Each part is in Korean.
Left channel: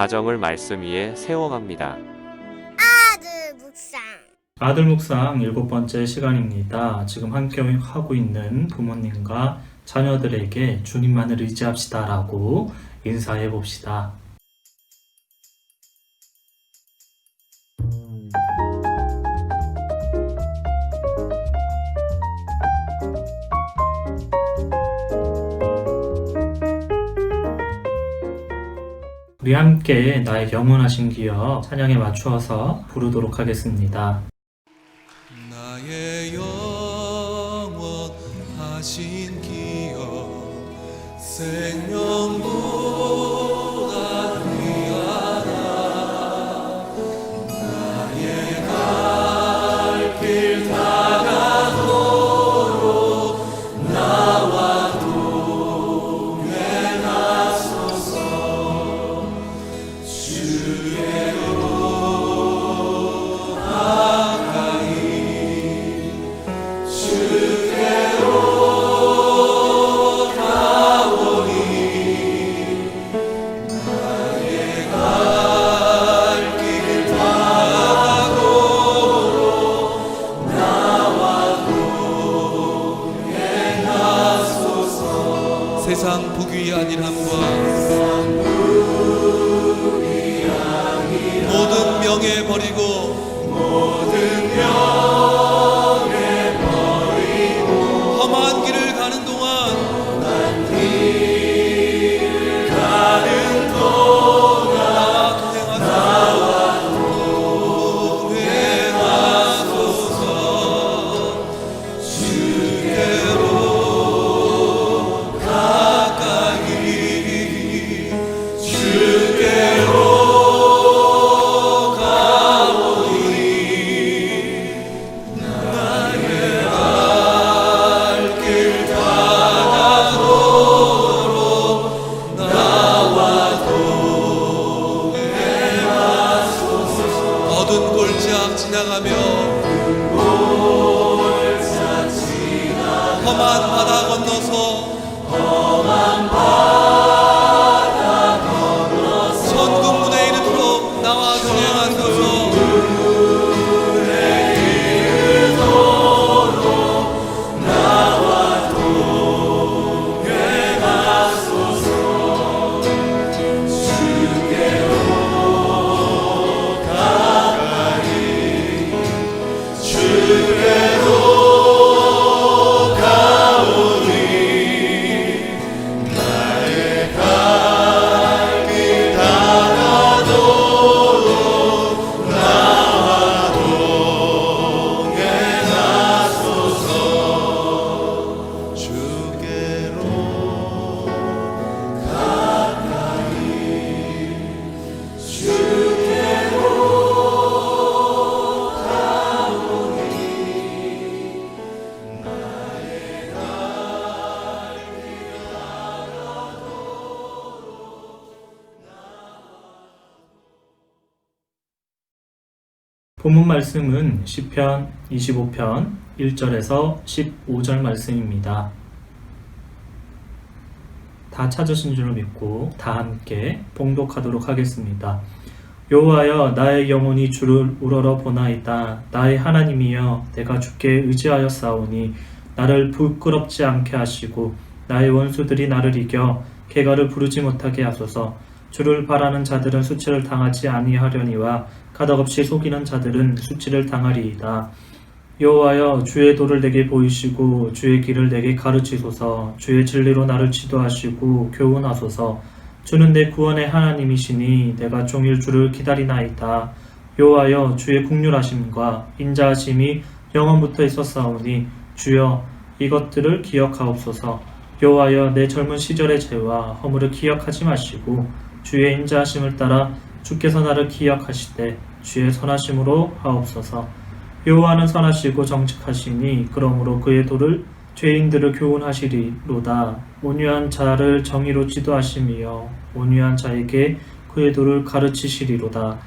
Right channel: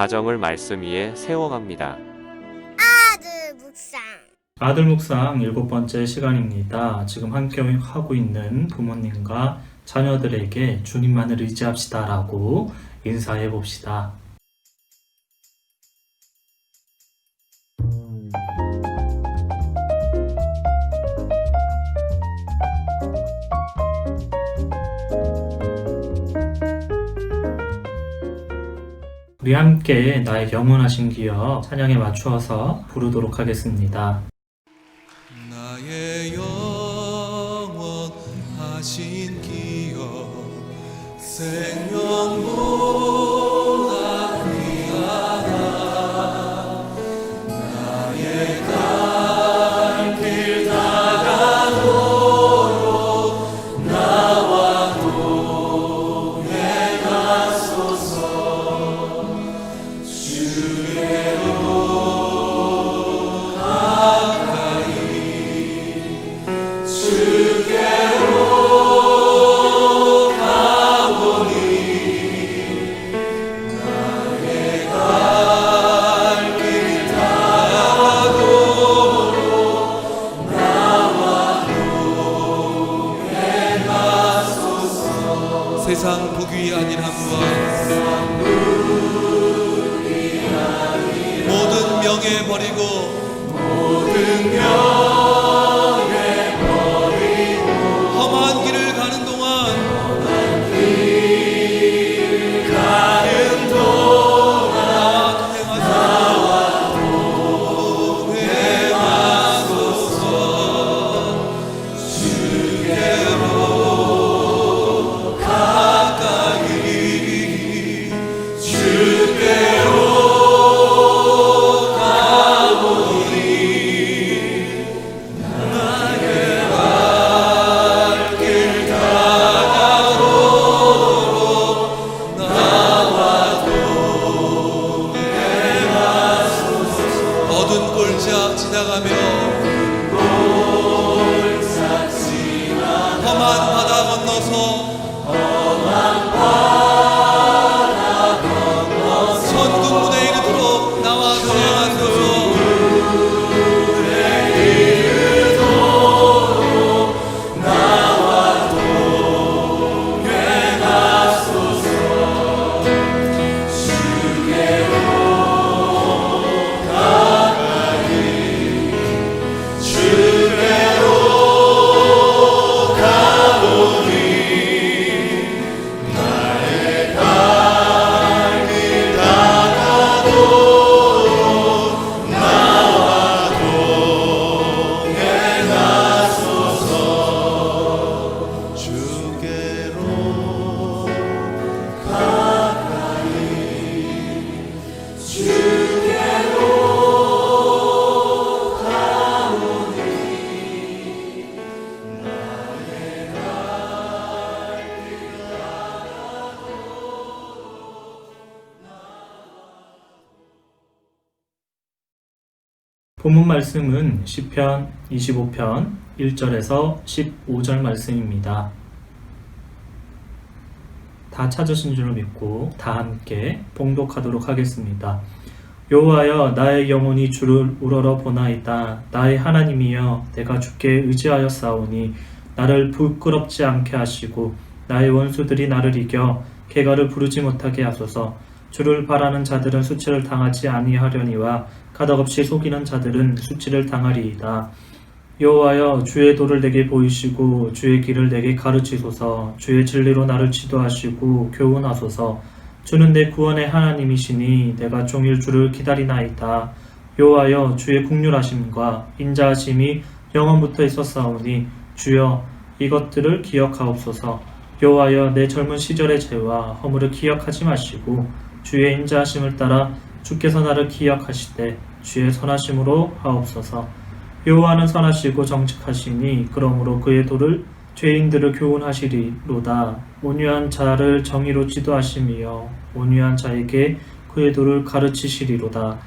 가정을 말씀 위에 세워갑니다. 아들 묵상. 아들 묵상 7번째 시간입니다. 지금 함께 하고 있는 부모님과 자녀들에게 주님만을 의지합시다 라고 인사해 봅시다. 우리 함께 나의 영원하신 기억 찬양에 맞추어서 부르도록 하겠습니다. 나의 영원하신 기억 생명보다 귀하다. 나의 갈 길 다가도록 나와 동행하소서. 주께로 가까이 주께로 가오니 나의 갈 길 다가도록 나와 동행하소서. 세상 부귀 안일함과 모든 명예 버리고 험한 길을 가는 동안 나와 동행하소서. 주께로 가까이 주께로 어두운 골짜 지나가며 험한 바다 건너서 천국 문에 이르도록 나와 동행하소서. 본문 말씀은 시편 25편 1절에서 15절 말씀입니다. 다 찾으신 줄로 믿고 다 함께 봉독하도록 하겠습니다. 여호와여, 나의 영혼이 주를 우러러 보나이다. 나의 하나님이여, 내가 주께 의지하였사오니 나를 부끄럽지 않게 하시고 나의 원수들이 나를 이겨 개가를 부르지 못하게 하소서. 주를 바라는 자들은 수치를 당하지 아니하려니와 가닥없이 속이는 자들은 수치를 당하리이다. 여호와여, 주의 도를 내게 보이시고 주의 길을 내게 가르치소서. 주의 진리로 나를 지도하시고 교훈하소서. 주는 내 구원의 하나님이시니 내가 종일 주를 기다리나이다. 여호와여, 주의 국률하심과 인자하심이 영원부터 있었사오니 주여 이것들을 기억하옵소서. 여호와여, 내 젊은 시절의 죄와 허물을 기억하지 마시고 주의 인자하심을 따라 주께서 나를 기억하시되 주의 선하심으로 하옵소서. 여호와는 선하시고 정직하시니 그러므로 그의 도를 죄인들을 교훈하시리로다. 온유한 자를 정의로 지도하시며 온유한 자에게 그의 도를 가르치시리로다.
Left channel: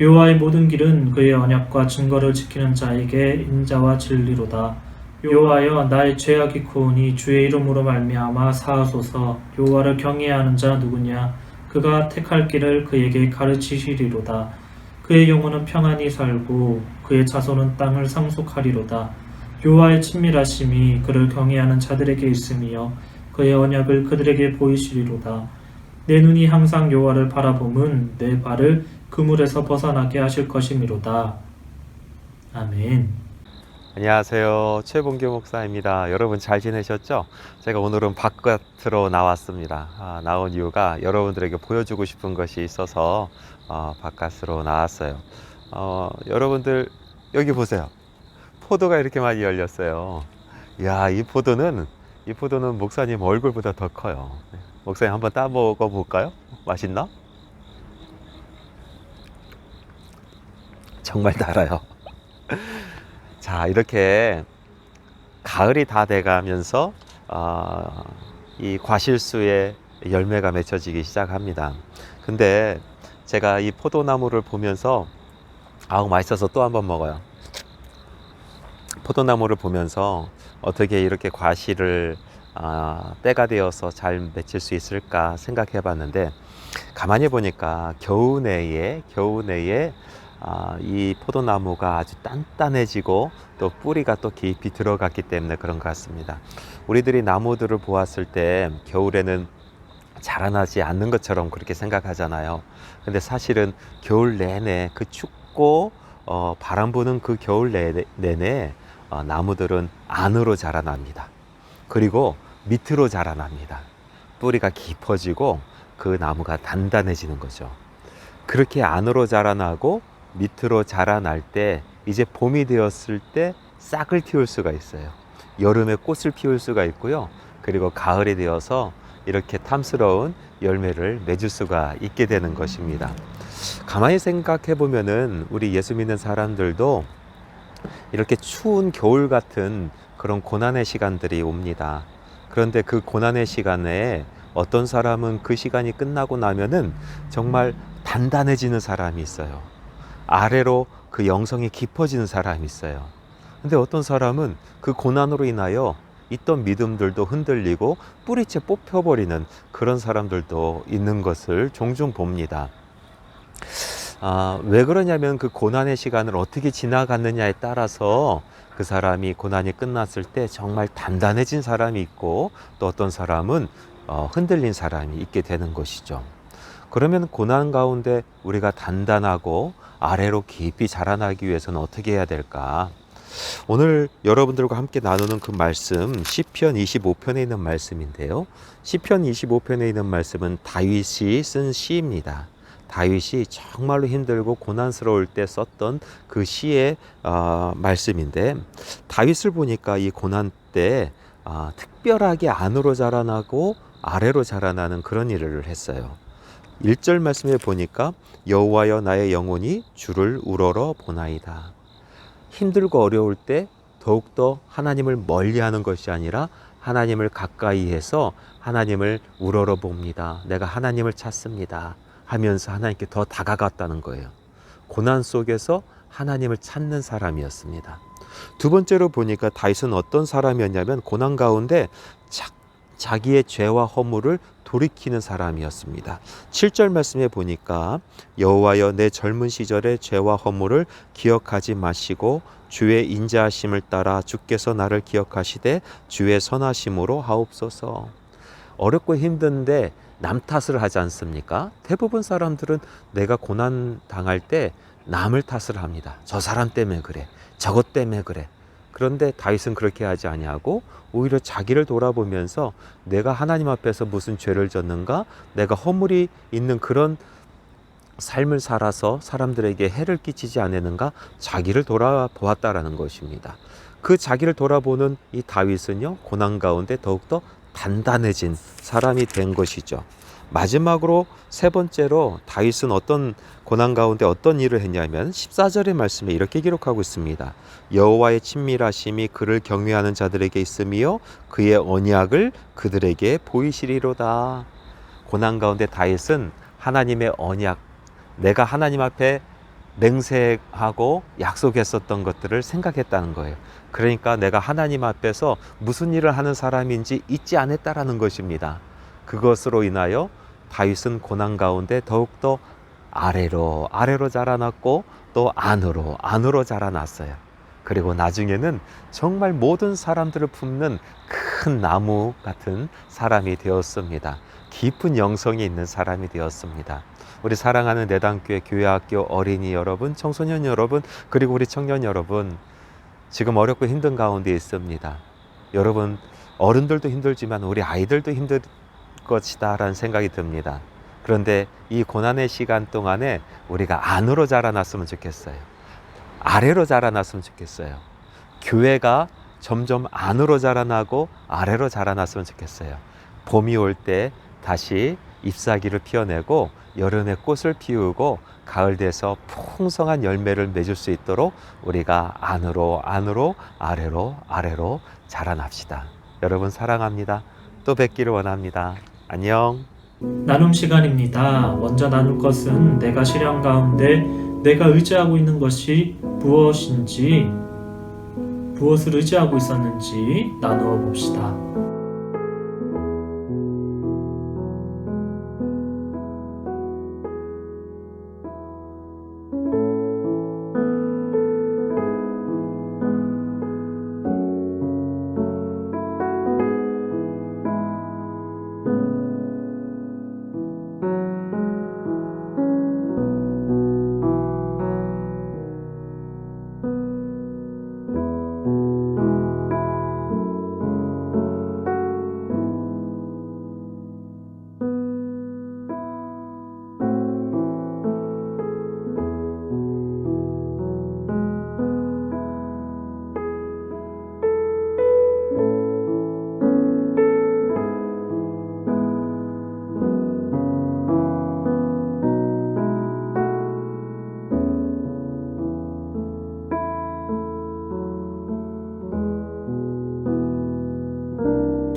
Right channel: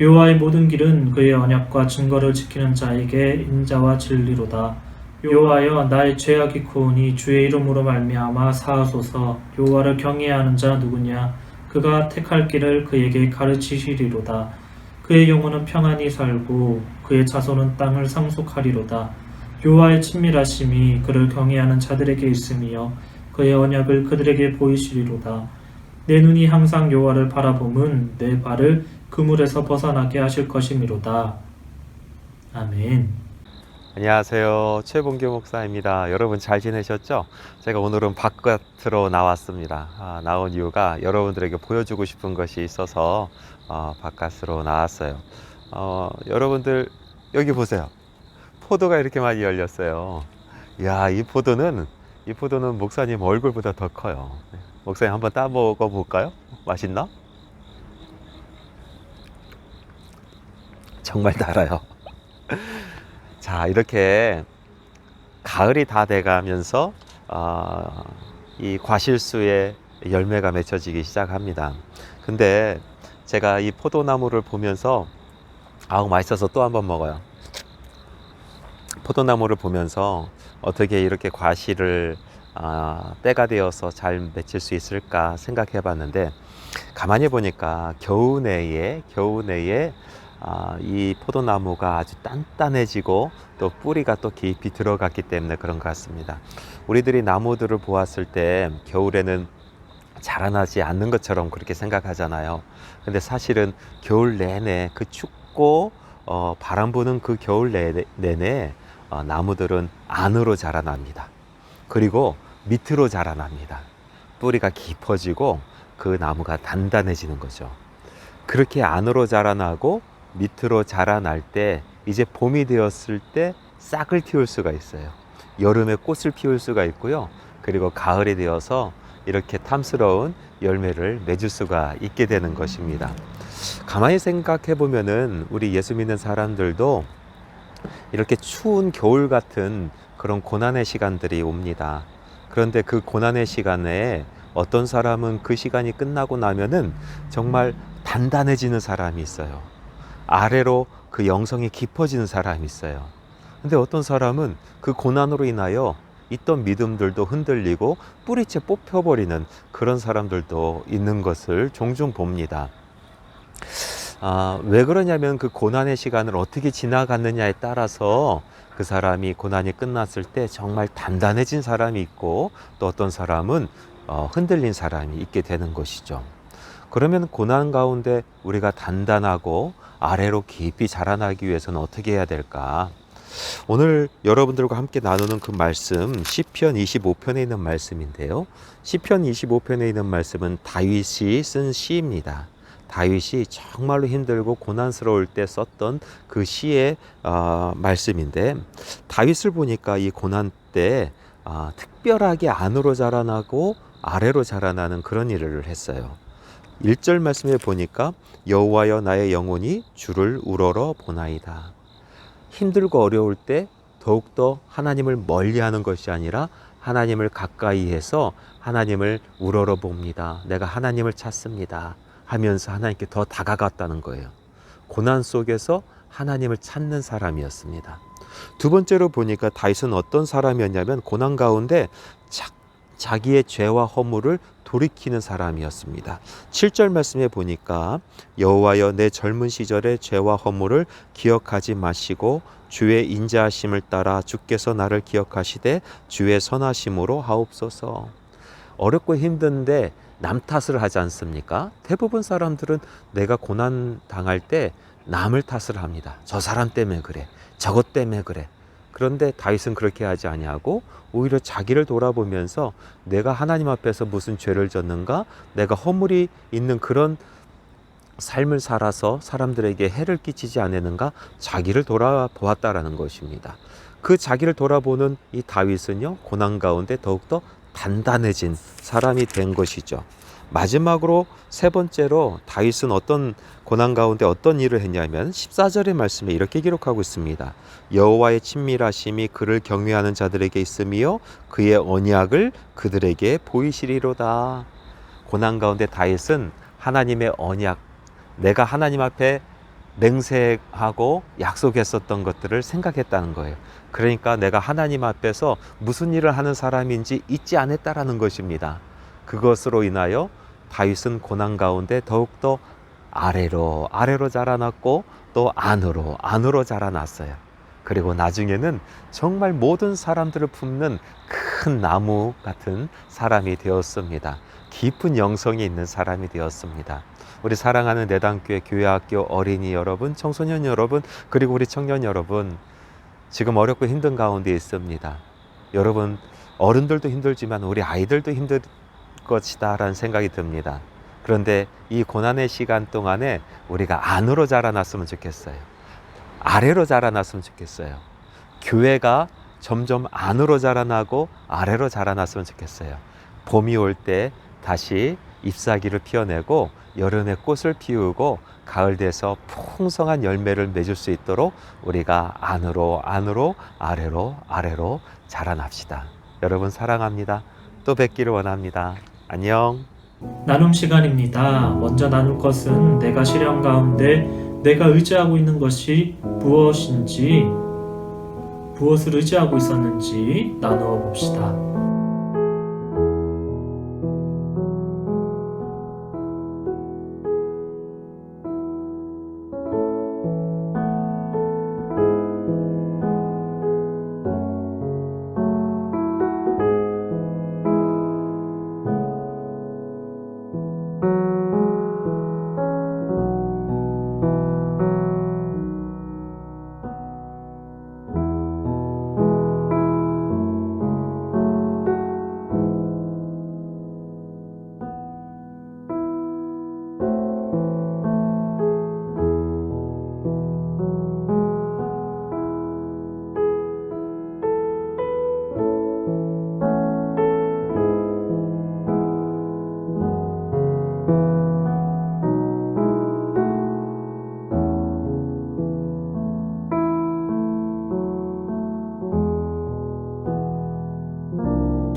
여호와의 모든 길은 그의 언약과 증거를 지키는 자에게 인자와 진리로다. 여호와여, 나의 죄악이 크오니 주의 이름으로 말미암아 사하소서. 여호와를 경외하는 자 누구냐? 그가 택할 길을 그에게 가르치시리로다. 그의 영혼은 평안히 살고 그의 자손은 땅을 상속하리로다. 여호와의 친밀하심이 그를 경외하는 자들에게 있으며 그의 언약을 그들에게 보이시리로다. 내 눈이 항상 여호와를 바라봄은 내 발을 그물에서 벗어나게 하실 것이미로다. 아멘. 안녕하세요. 최봉규 목사입니다. 여러분 잘 지내셨죠? 제가 오늘은 바깥으로 나왔습니다. 나온 이유가 여러분들에게 보여주고 싶은 것이 있어서 바깥으로 나왔어요. 여러분들 여기 보세요. 포도가 이렇게 많이 열렸어요. 이야, 이 포도는 목사님 얼굴보다 더 커요. 목사님 한번 따먹어 볼까요? 맛있나? 정말 달아요. 자, 이렇게 가을이 다 돼가면서 이 과실수에 열매가 맺혀지기 시작합니다. 근데 제가 이 포도나무를 보면서 맛있어서 또 한번 먹어요. 포도나무를 보면서 어떻게 이렇게 과실을 때가 되어서 잘 맺힐 수 있을까 생각해 봤는데, 가만히 보니까 겨우내에 이 포도나무가 아주 단단해지고 또 뿌리가 또 깊이 들어갔기 때문에 그런 것 같습니다. 우리들이 나무들을 보았을 때 겨울에는 자라나지 않는 것처럼 그렇게 생각하잖아요. 근데 사실은 겨울 내내 그 춥고 바람 부는 그 겨울 내내 나무들은 안으로 자라납니다. 그리고 밑으로 자라납니다. 뿌리가 깊어지고 그 나무가 단단해지는 거죠. 그렇게 안으로 자라나고 밑으로 자라날 때 이제 봄이 되었을 때 싹을 틔울 수가 있어요. 여름에 꽃을 피울 수가 있고요. 그리고 가을이 되어서 이렇게 탐스러운 열매를 맺을 수가 있게 되는 것입니다. 가만히 생각해 보면은 우리 예수 믿는 사람들도 이렇게 추운 겨울 같은 그런 고난의 시간들이 옵니다. 그런데 그 고난의 시간에 어떤 사람은 그 시간이 끝나고 나면은 정말 단단해지는 사람이 있어요. 아래로 그 영성이 깊어지는 사람이 있어요. 근데 어떤 사람은 그 고난으로 인하여 있던 믿음들도 흔들리고 뿌리채 뽑혀버리는 그런 사람들도 있는 것을 종종 봅니다. 왜 그러냐면 그 고난의 시간을 어떻게 지나갔느냐에 따라서 그 사람이 고난이 끝났을 때 정말 단단해진 사람이 있고, 또 어떤 사람은 흔들린 사람이 있게 되는 것이죠. 그러면 고난 가운데 우리가 단단하고 아래로 깊이 자라나기 위해서는 어떻게 해야 될까? 오늘 여러분들과 함께 나누는 그 말씀, 시편 25편에 있는 말씀인데요. 시편 25편에 있는 말씀은 다윗이 쓴 시입니다. 다윗이 정말로 힘들고 고난스러울 때 썼던 그 시의 말씀인데, 다윗을 보니까 이 고난 때 특별하게 안으로 자라나고 아래로 자라나는 그런 일을 했어요. 1절 말씀에 보니까 여호와여 나의 영혼이 주를 우러러 보나이다. 힘들고 어려울 때 더욱더 하나님을 멀리하는 것이 아니라 하나님을 가까이 해서 하나님을 우러러 봅니다. 내가 하나님을 찾습니다 하면서 하나님께 더 다가갔다는 거예요. 고난 속에서 하나님을 찾는 사람이었습니다. 두 번째로 보니까 다윗은 어떤 사람이었냐면 고난 가운데 자기의 죄와 허물을 돌이키는 사람이었습니다. 7절 말씀에 보니까 여호와여 내 젊은 시절의 죄와 허물을 기억하지 마시고 주의 인자하심을 따라 주께서 나를 기억하시되 주의 선하심으로 하옵소서. 어렵고 힘든데 남 탓을 하지 않습니까? 대부분 사람들은 내가 고난 당할 때 남을 탓을 합니다. 저 사람 때문에 그래, 저것 때문에 그래. 그런데 다윗은 그렇게 하지 아니하고 오히려 자기를 돌아보면서 내가 하나님 앞에서 무슨 죄를 졌는가, 내가 허물이 있는 그런 삶을 살아서 사람들에게 해를 끼치지 않았는가, 자기를 돌아보았다라는 것입니다. 그 자기를 돌아보는 이 다윗은요, 고난 가운데 더욱더 단단해진 사람이 된 것이죠. 마지막으로 세 번째로 다윗은 어떤 고난 가운데 어떤 일을 했냐면 14절의 말씀에 이렇게 기록하고 있습니다. 여호와의 친밀하심이 그를 경외하는 자들에게 있으며 그의 언약을 그들에게 보이시리로다. 고난 가운데 다윗은 하나님의 언약, 내가 하나님 앞에 맹세하고 약속했었던 것들을 생각했다는 거예요. 그러니까 내가 하나님 앞에서 무슨 일을 하는 사람인지 잊지 않았다라는 것입니다. 그것으로 인하여 다윗은 고난 가운데 더욱더 아래로 자라났고 또 안으로 자라났어요. 그리고 나중에는 정말 모든 사람들을 품는 큰 나무 같은 사람이 되었습니다. 깊은 영성이 있는 사람이 되었습니다. 우리 사랑하는 내단교회 교회학교 어린이 여러분, 청소년 여러분, 그리고 우리 청년 여러분, 지금 어렵고 힘든 가운데 있습니다. 여러분, 어른들도 힘들지만 우리 아이들도 힘들 것이다 라는 생각이 듭니다. 그런데 이 고난의 시간 동안에 우리가 안으로 자라났으면 좋겠어요. 아래로 자라났으면 좋겠어요. 교회가 점점 안으로 자라나고 아래로 자라났으면 좋겠어요. 봄이 올 때 다시 잎사귀를 피워내고 여름에 꽃을 피우고 가을 돼서 풍성한 열매를 맺을 수 있도록 우리가 안으로 아래로 자라납시다. 여러분 사랑합니다. 또 뵙기를 원합니다. 안녕. 나눔 시간입니다. 먼저 나눌 것은 내가 시련 가운데 내가 의지하고 있는 것이 무엇인지, 무엇을 의지하고 있었는지 나누어 봅시다.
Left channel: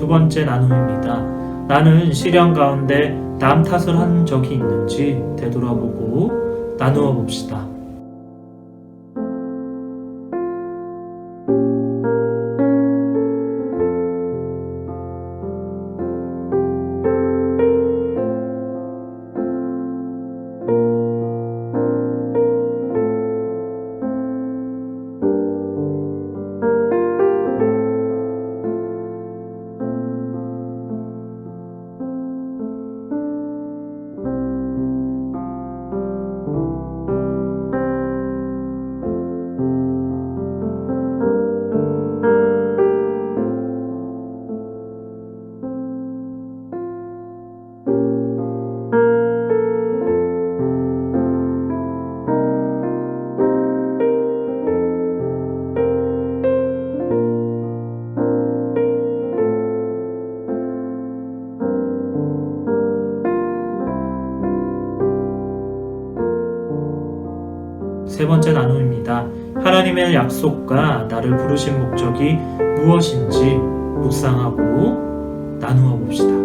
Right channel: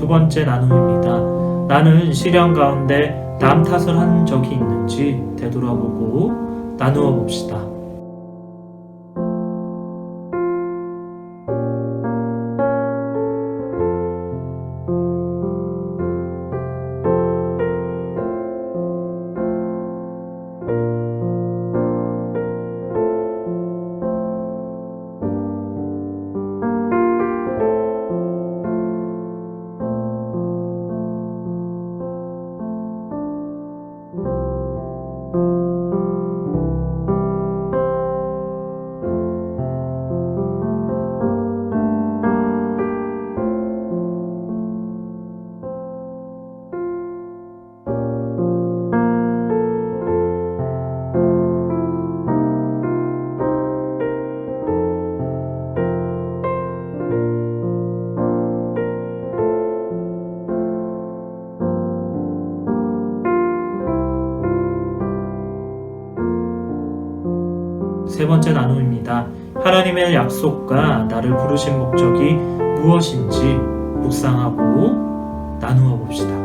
두 번째 나눔입니다. 나는 시련 가운데 남 탓을 한 적이 있는지 되돌아보고 나누어 봅시다. 세 번째 나눔입니다. 하나님의 약속과 나를 부르신 목적이 무엇인지 묵상하고 나누어 봅시다.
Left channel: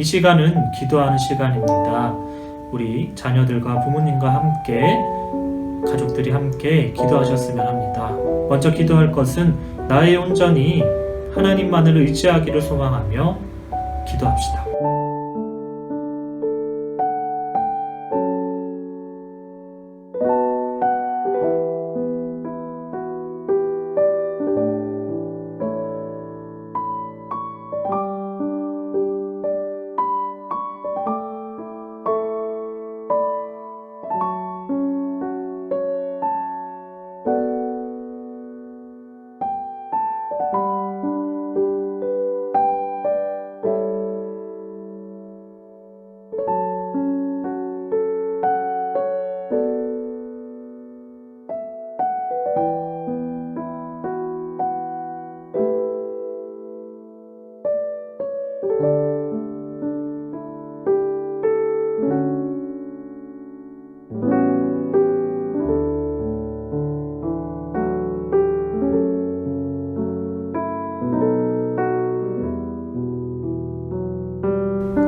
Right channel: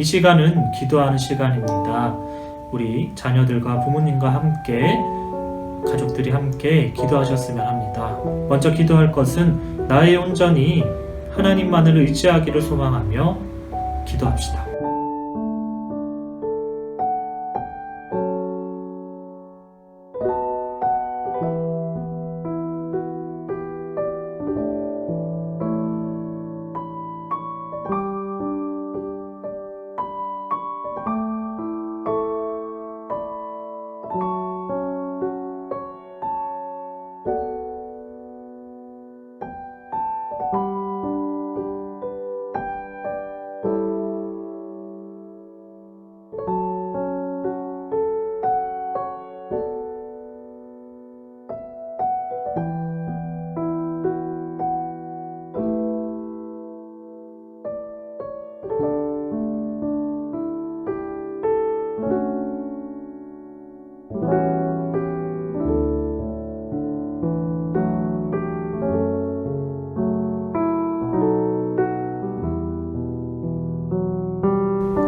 이 시간은 기도하는 시간입니다. 우리 자녀들과 부모님과 함께, 가족들이 함께 기도하셨으면 합니다. 먼저 기도할 것은 나의 온전히 하나님만을 의지하기를 소망하며 기도합시다.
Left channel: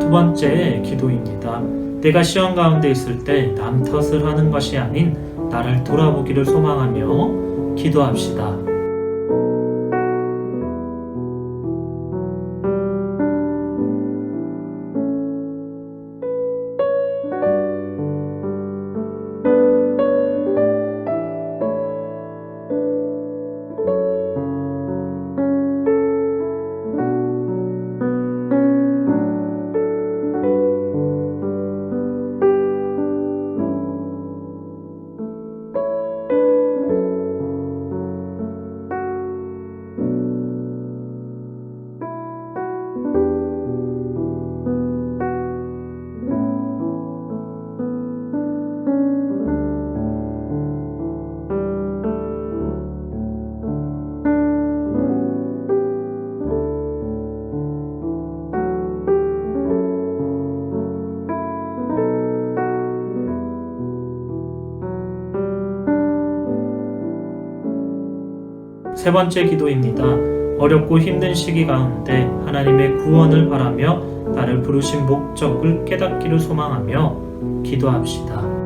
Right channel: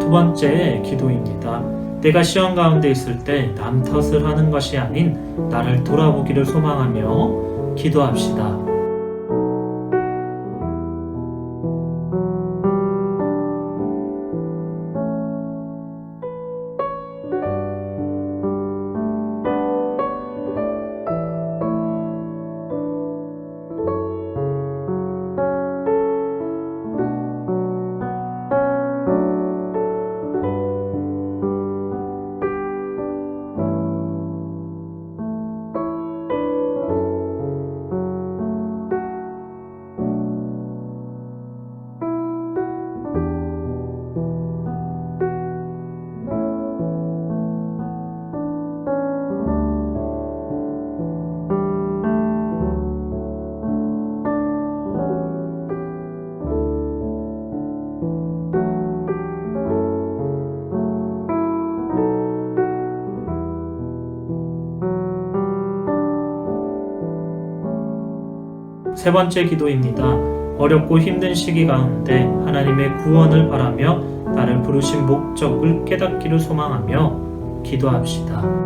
두 번째 기도입니다. 내가 시험 가운데 있을 때 남 탓을 하는 것이 아닌 나를 돌아보기를 소망하며 기도합시다. 세 번째 기도입니다. 어렵고 힘든 시기 가운데 하나님의 구원을 바라며 나를 부르신 목적을 깨닫기를 소망하며 기도합시다.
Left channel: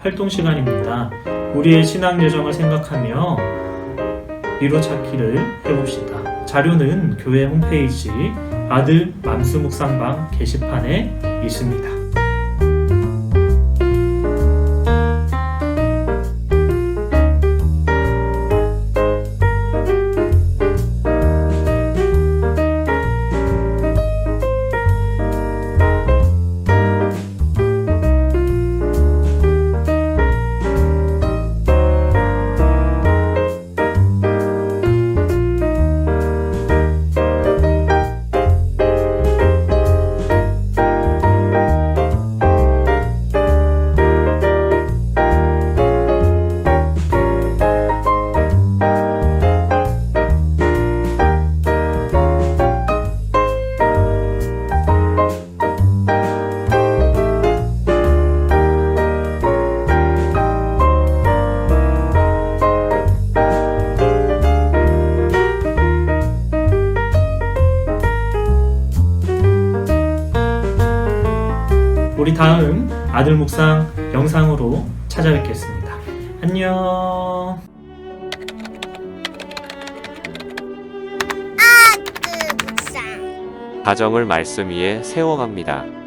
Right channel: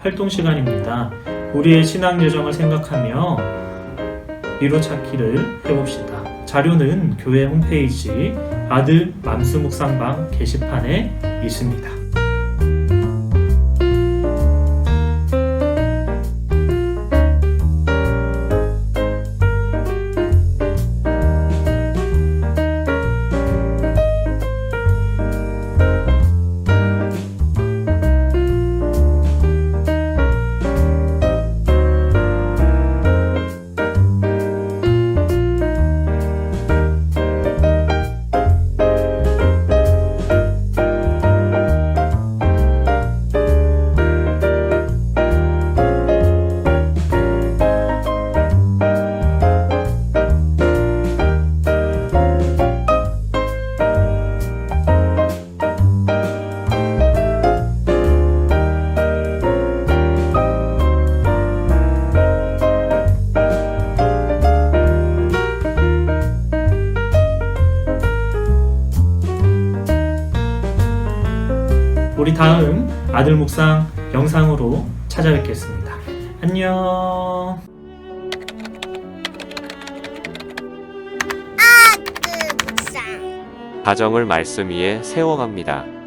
활동 시간입니다. 우리의 신앙 여정을 생각하며 위로찾기를 해봅시다. 자료는 교회 홈페이지 아들 맘수 묵상방 게시판에 있습니다. 우리 다음 아들 묵상 영상으로 찾아뵙겠습니다. 안녕. 아들 묵상. 가정을 말씀 위에 세워갑니다.